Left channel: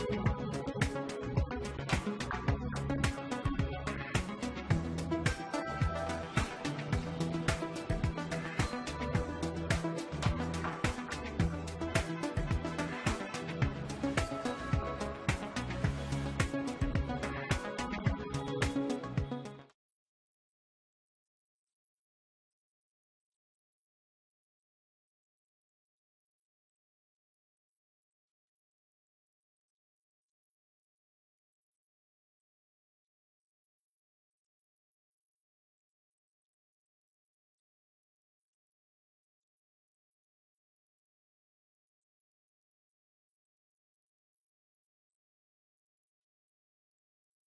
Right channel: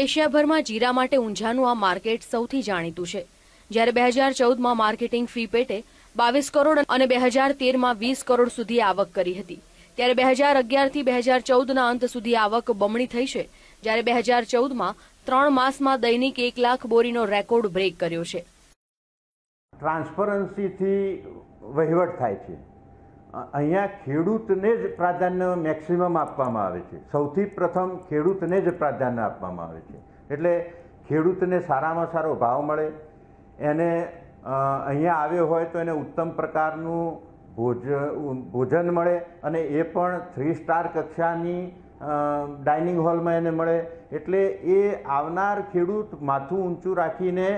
એશિયાભરમાં જીરા માટે ઊંઝાનું આ માર્કેટ સૌથી જાણીતું છે. જ્યારે બે હજાર ચૌદમાં માર્કેટિંગ ફી પેટે બાવીસ કરોડ અને બે હજાર તેરમાં વીસ કરોડ સુધી આવક કરી હતી. ત્યારે બે હજાર અગિયારથી બે હજાર ચૌદના અંત સુધી આવક બમણી થઈ છે. જ્યારે બે હજાર ચૌદમાં ત્રણ માસમાં દૈનિક એક લાખ બોરીનો રેકોર્ડ બ્રેક કર્યો છે. ટ્રાન્સપરન્સીથી વહીવટ થાય છે. અહીંયા ખેડૂતને જ પ્રાધાન્ય મેક્સિમમ આપવામાં આવે છે. સૌથી પ્રથમ ખેડૂતને જ પ્રાધાન્ય આપવામાં આવે છે. એટલે ખેડૂતને સારામાં સારો ભાવ મળે, એને અહીંયા આવ્યો હોય તો એને ઉત્તમ પ્રકારનું ભોજ ભોજન મળે અને એ પણ થ્રી સ્ટાર કક્ષાની ડાઇનિંગ હોલમાં એને મળે. એટલે એ આવનાર ખેડૂત માથું ઊંચું રાખીને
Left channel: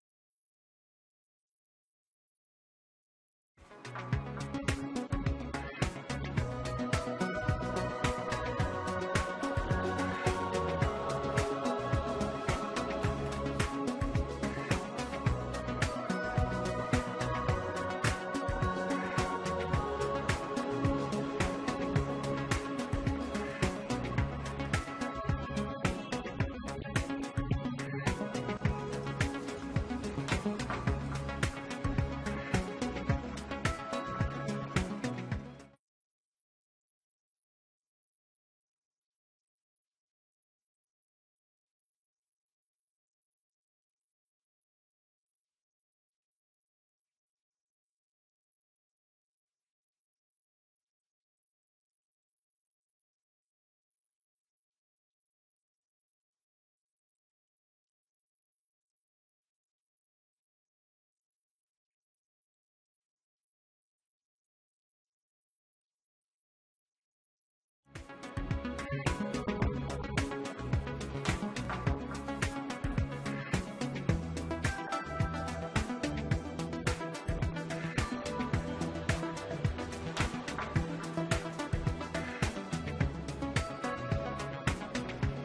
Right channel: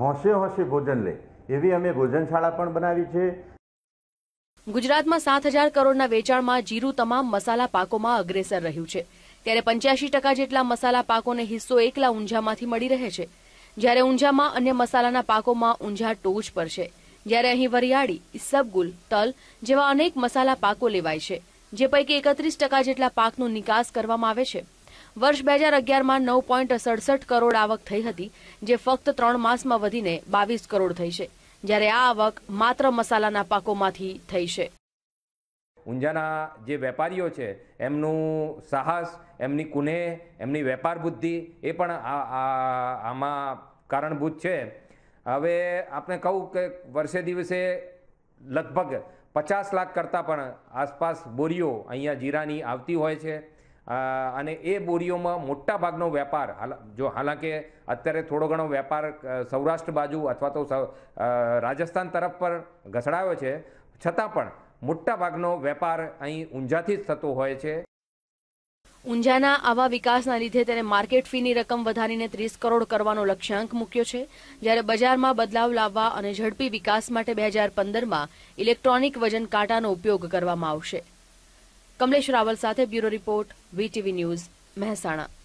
હોંશે હોંશે ભોજન લે. એવી અમે ભોજનશાળા પણ બનાવી છે. ગુજરાતમાં સાત હજાર કરોડના વેચાણમાં જીરું તમામ મસાલા પાકોમાં અગ્રેસર રહ્યું છે. ત્યારે પંચ્યાસી ટકા જેટલા મસાલા પાકોને હિસ્સો એકલા ઊંઝામાંથી મળી રહે છે. જ્યારે ઊંઝામાં અન્ય મસાલાના પાકોમાં ઊંઝા ટોચ પર છે. જ્યારે અહીં વરિયાળી, સબગુલ, તલ જેવા અનેક મસાલા પાકો લેવાય છે, જે પૈકી એકત્રીસ ટકા જેટલા પાકનો નિકાસ કરવામાં આવે છે. વર્ષ બે હજાર અગિયારમાં નવ પોઈન્ટ સડસઠ કરોડ આવક થઈ હતી, જે ફક્ત ત્રણ માસમાં વધીને બાવીસ કરોડ થઈ છે, જ્યારે આ આવક માત્ર મસાલાના પાકોમાંથી થઈ છે. ઊંઝાના જે વેપારીઓ છે, એમનું સાહસ, એમની કુનેહ એમની વેપાર બુદ્ધિ, એ પણ આમાં કારણભૂત છે. હવે આપણે કહું કે વર્ષે દિવસે લગભગ પચાસ લાખ કરતાં પણ આસપાસ બોરીઓ અહીંયા જીરાની આવતી હોય છે. અને એ બોરીઓમાં મોટા ભાગનો વેપાર જો હાલાંકે અત્યારે થોડો ઘણો વેપાર સૌરાષ્ટ્ર બાજુ અથવા તો રાજસ્થાન તરફ પર ઘસડાયો છે. છતાં પણ મોટા ભાગનો વેપાર અહીં ઊંઝાથી જ થતો હોય છે. ઊંઝાના આવા વિકાસના લીધે તેને માર્કેટ ફીની રકમ વધારીને ત્રીસ કરોડ કરવાનો લક્ષ્યાંક મૂક્યો છે. જ્યારે બજારમાં બદલાવ લાવવા અને ઝડપી વિકાસ માટે બે હજાર પંદરમાં ઇલેક્ટ્રોનિક વજન કાંટાનો ઉપયોગ કરવામાં આવશે. કમલેશ રાવલ સાથે bureau report. VTV news Mehsana.